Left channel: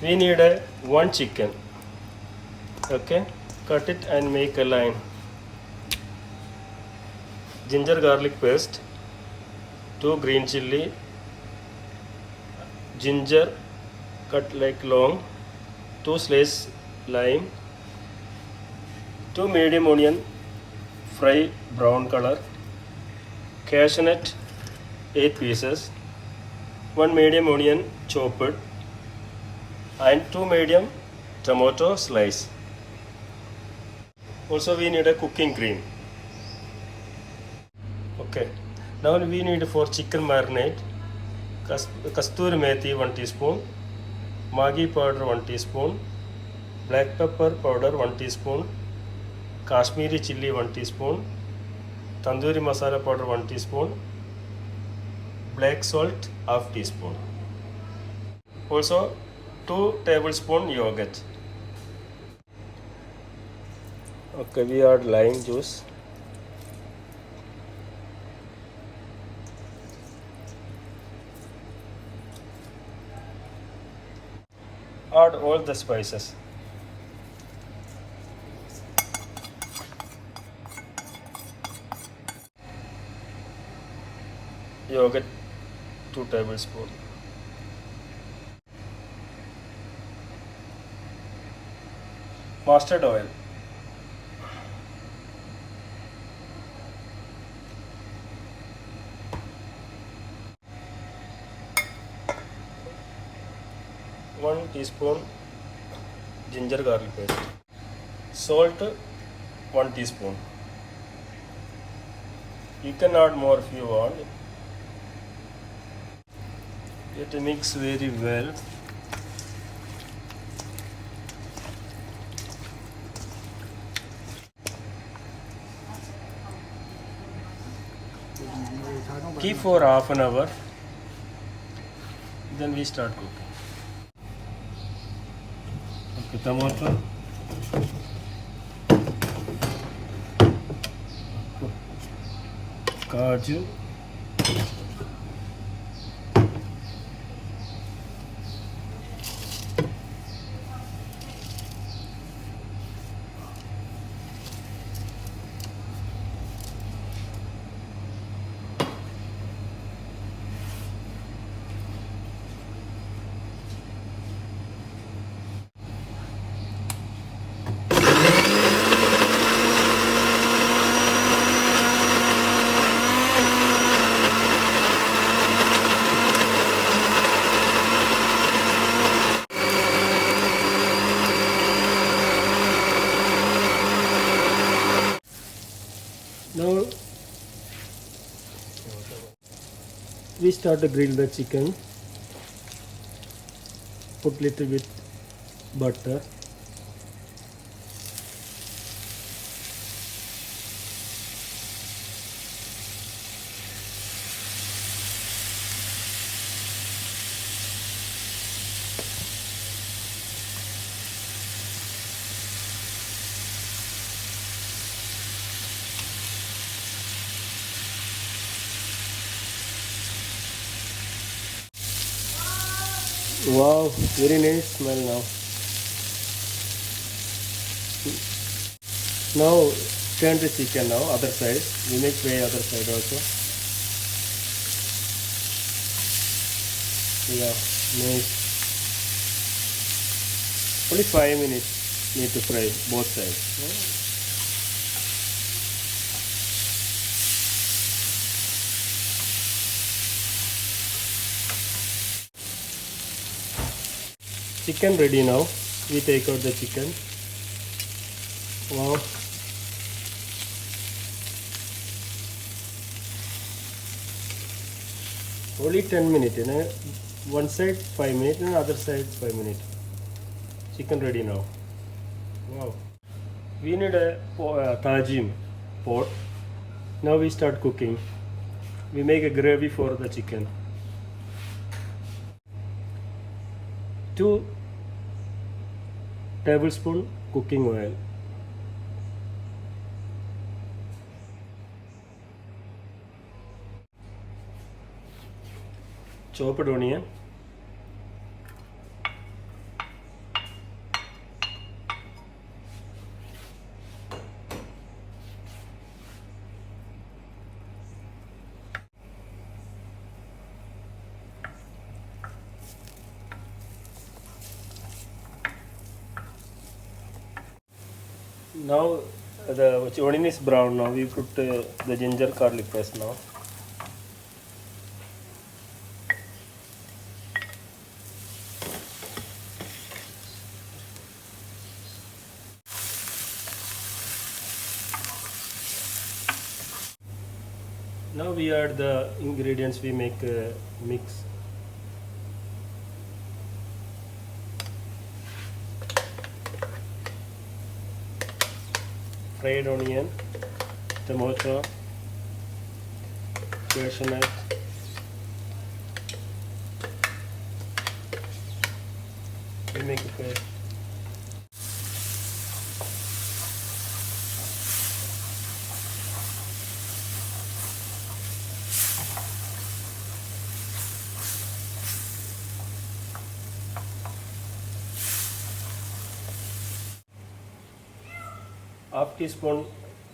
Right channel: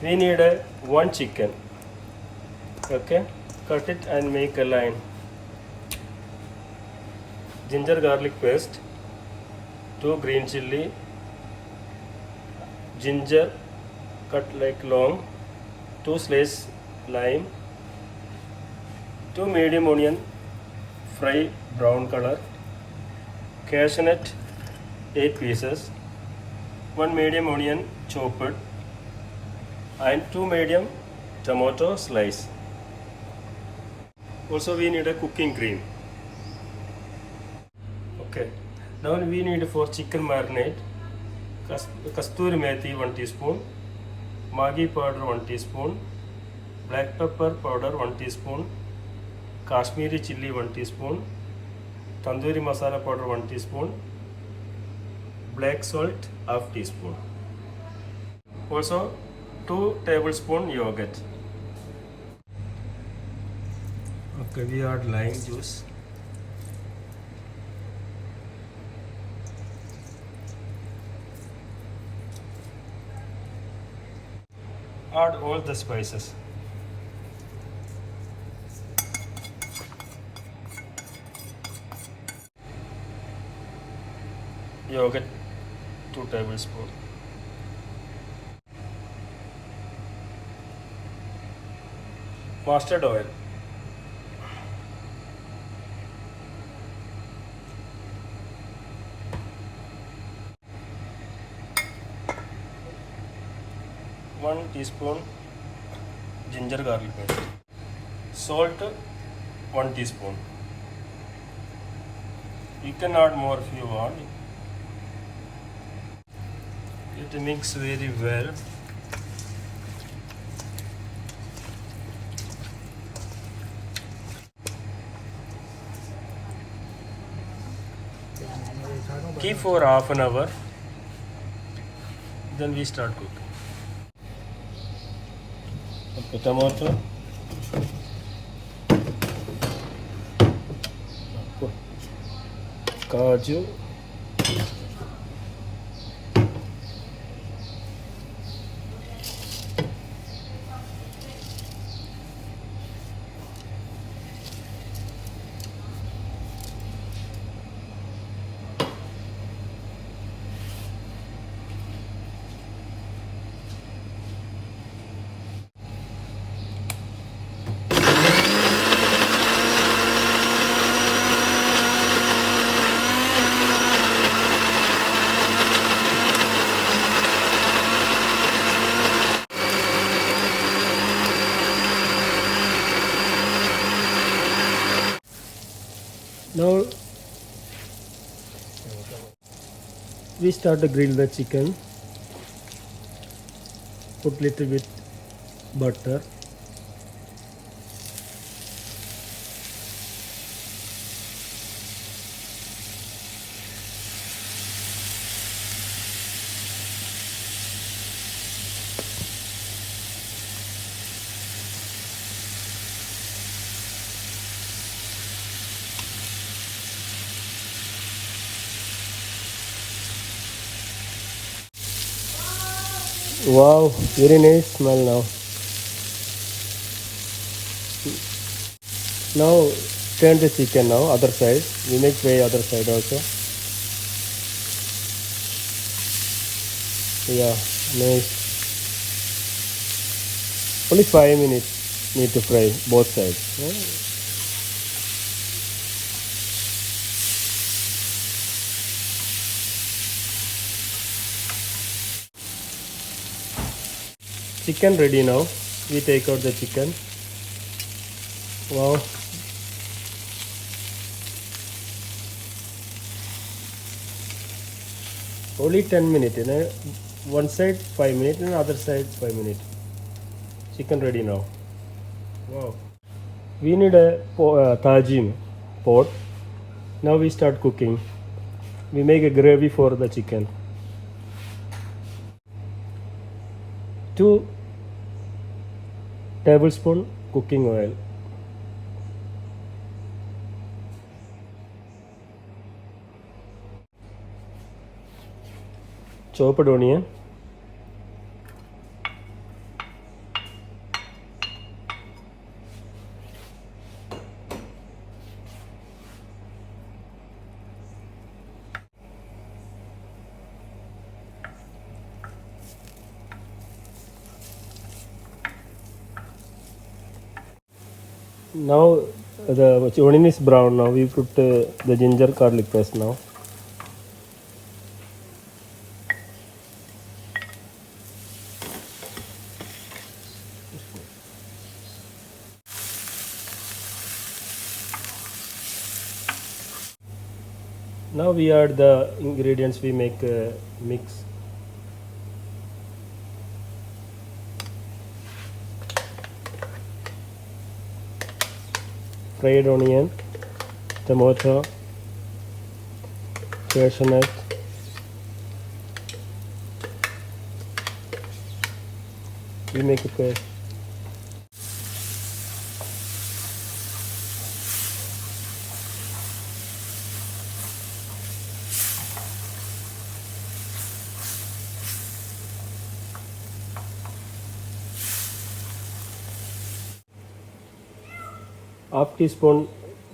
We need one chicken. Okay, cut it and make a line. Ginger garlic paste, 2 green chilli, ginger cut like long, 2 slices lime, 2 medium onion fry brown color, cashew nut 8 pieces, 1 medium onion chopped, and 2 medium tomato slice. Also we need a cooking cream. Okay, now we need for chicken marinade kasturi methi 1 teaspoon, Maggi powder 1 teaspoon, black pepper powder 1 teaspoon, Kashmiri chilli 1 teaspoon, tandoori masala powder 1 teaspoon, black salt half teaspoon. Also 2 tablespoon yogurt. Okay, we add lime juice. Add all the spices. Yogurt 2 tablespoons. Mustard oil. One teaspoon ginger garlic paste. Salt 1 teaspoon. You can add more if you want. It mix very well. Keep for half an hour. Then we start cooking. Okay, tomato. Kaju. Now we start to grill the chicken. Put little bit butter. Wow, very nice smell now. Now turn the chicken now, other side. We make fry other side also. Yeah, nice. Only 5 minutes need to fry both sides. Chicken ready now. We take out the chicken. Wow. Only 10 minutes. One side 5 minutes and other side 5 minutes. Chicken ready now. Wow. We need a tajin pot. Now we start cooking. We make a gravy for the chicken. 2 tablespoon cooking oil. Chopped onion. Now the onion is brown. Now we put the ginger garlic paste now. Now we add the ingredients we make mix. Fried onion, tomato, cashew nut, we make a paste. Half teaspoon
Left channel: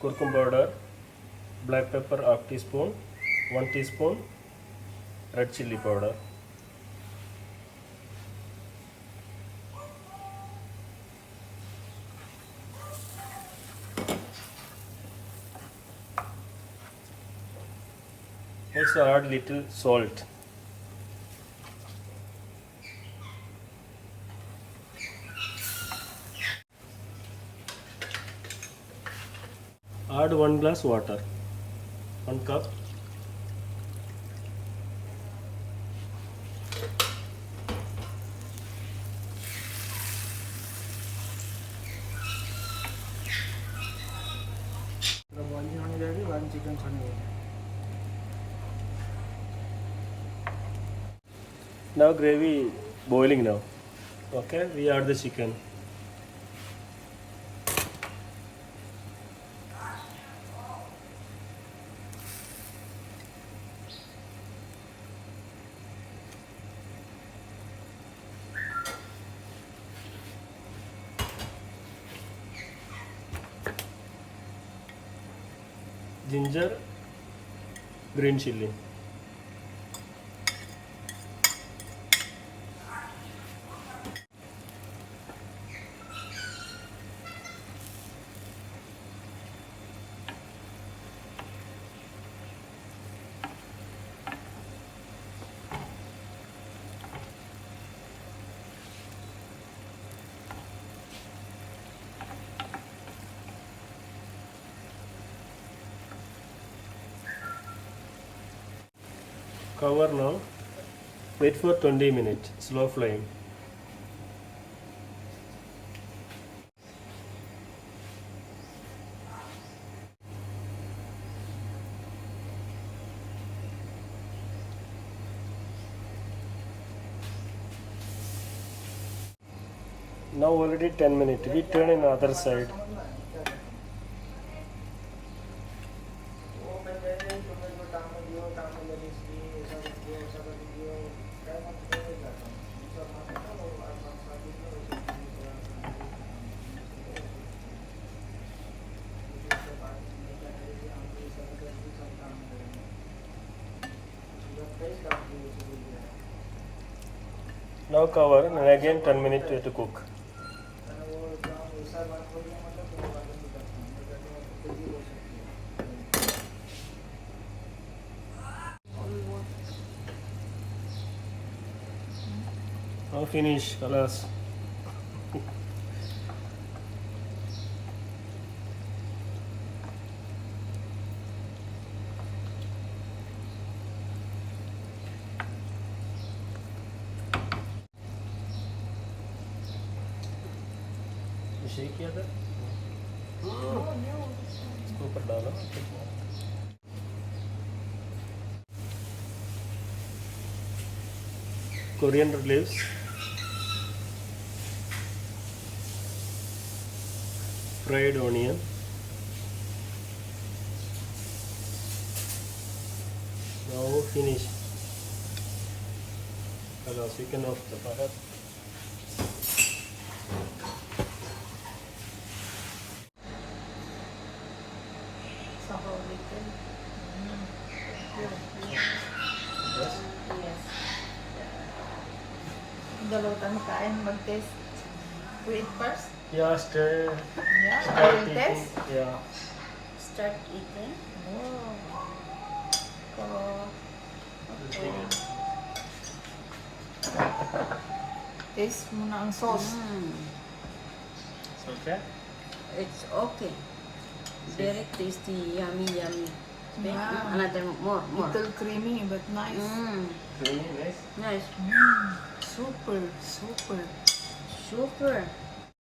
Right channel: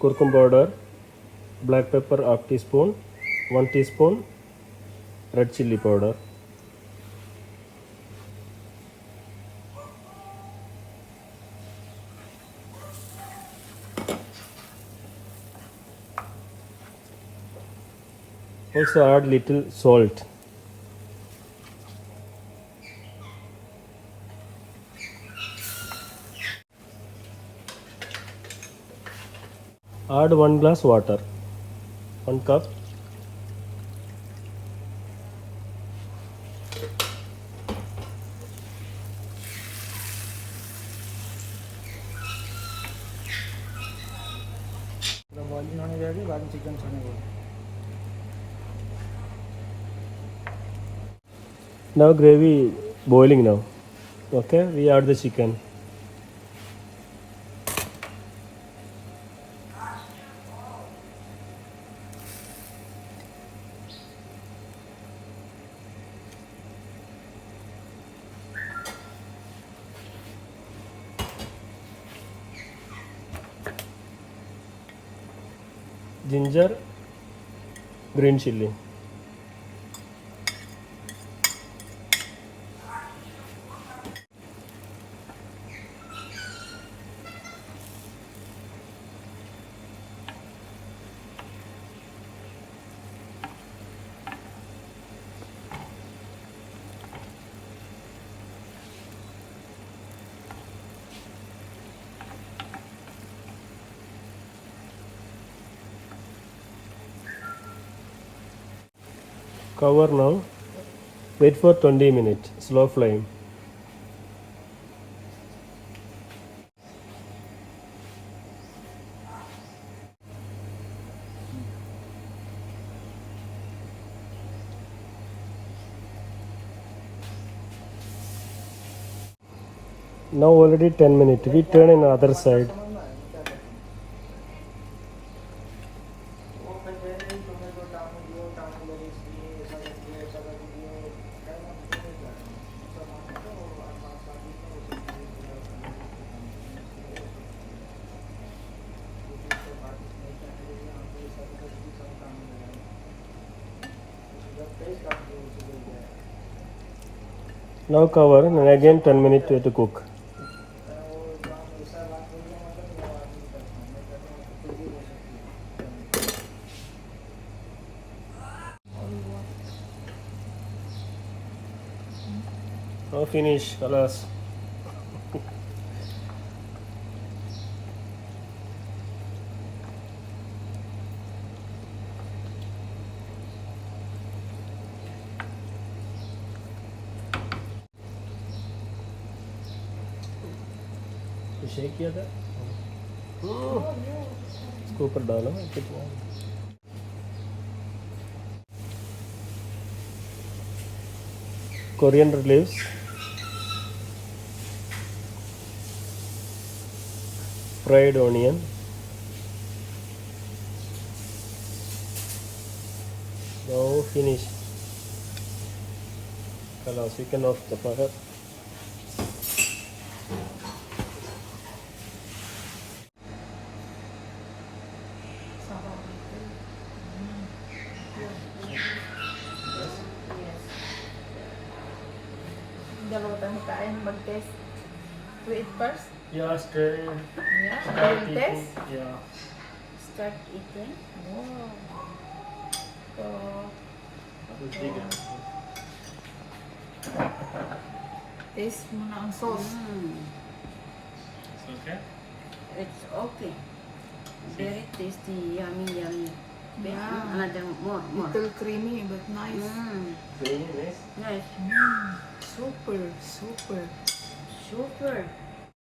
curcum powder, black pepper half teaspoon, 1 teaspoon red chilli powder. Also add little salt. Add 1 glass water, 1 cup. Boiling होने जाएगी, बाद में chicken छोड़ने देंगे। Now gravy boiling now. Okay, we add the chicken. Ginger, green chilli. Cover now. Wait for 20 minutes. Slow flame. Now already 10 minutes. We turn on the other side. Now cover and again 10 minutes to cook. Now finish, kalas. Shake किया था इसको ऊपर डाला coriander leaves, fried onion, now finish. Kalas, we can off the fire. Dalawa tayo kain, mag-test. Wait first. Yeah, start. Yeah, Start I will eating. test. Yeah. Start eating. Wow. Oh, Okay. taste mo na ang sauce. It's okay. It's okay. Very tasty, yummy, yummy. Okay, Yeah. another more. Little creamy but nice. Creamy, nice. Nice. Super, super. Super.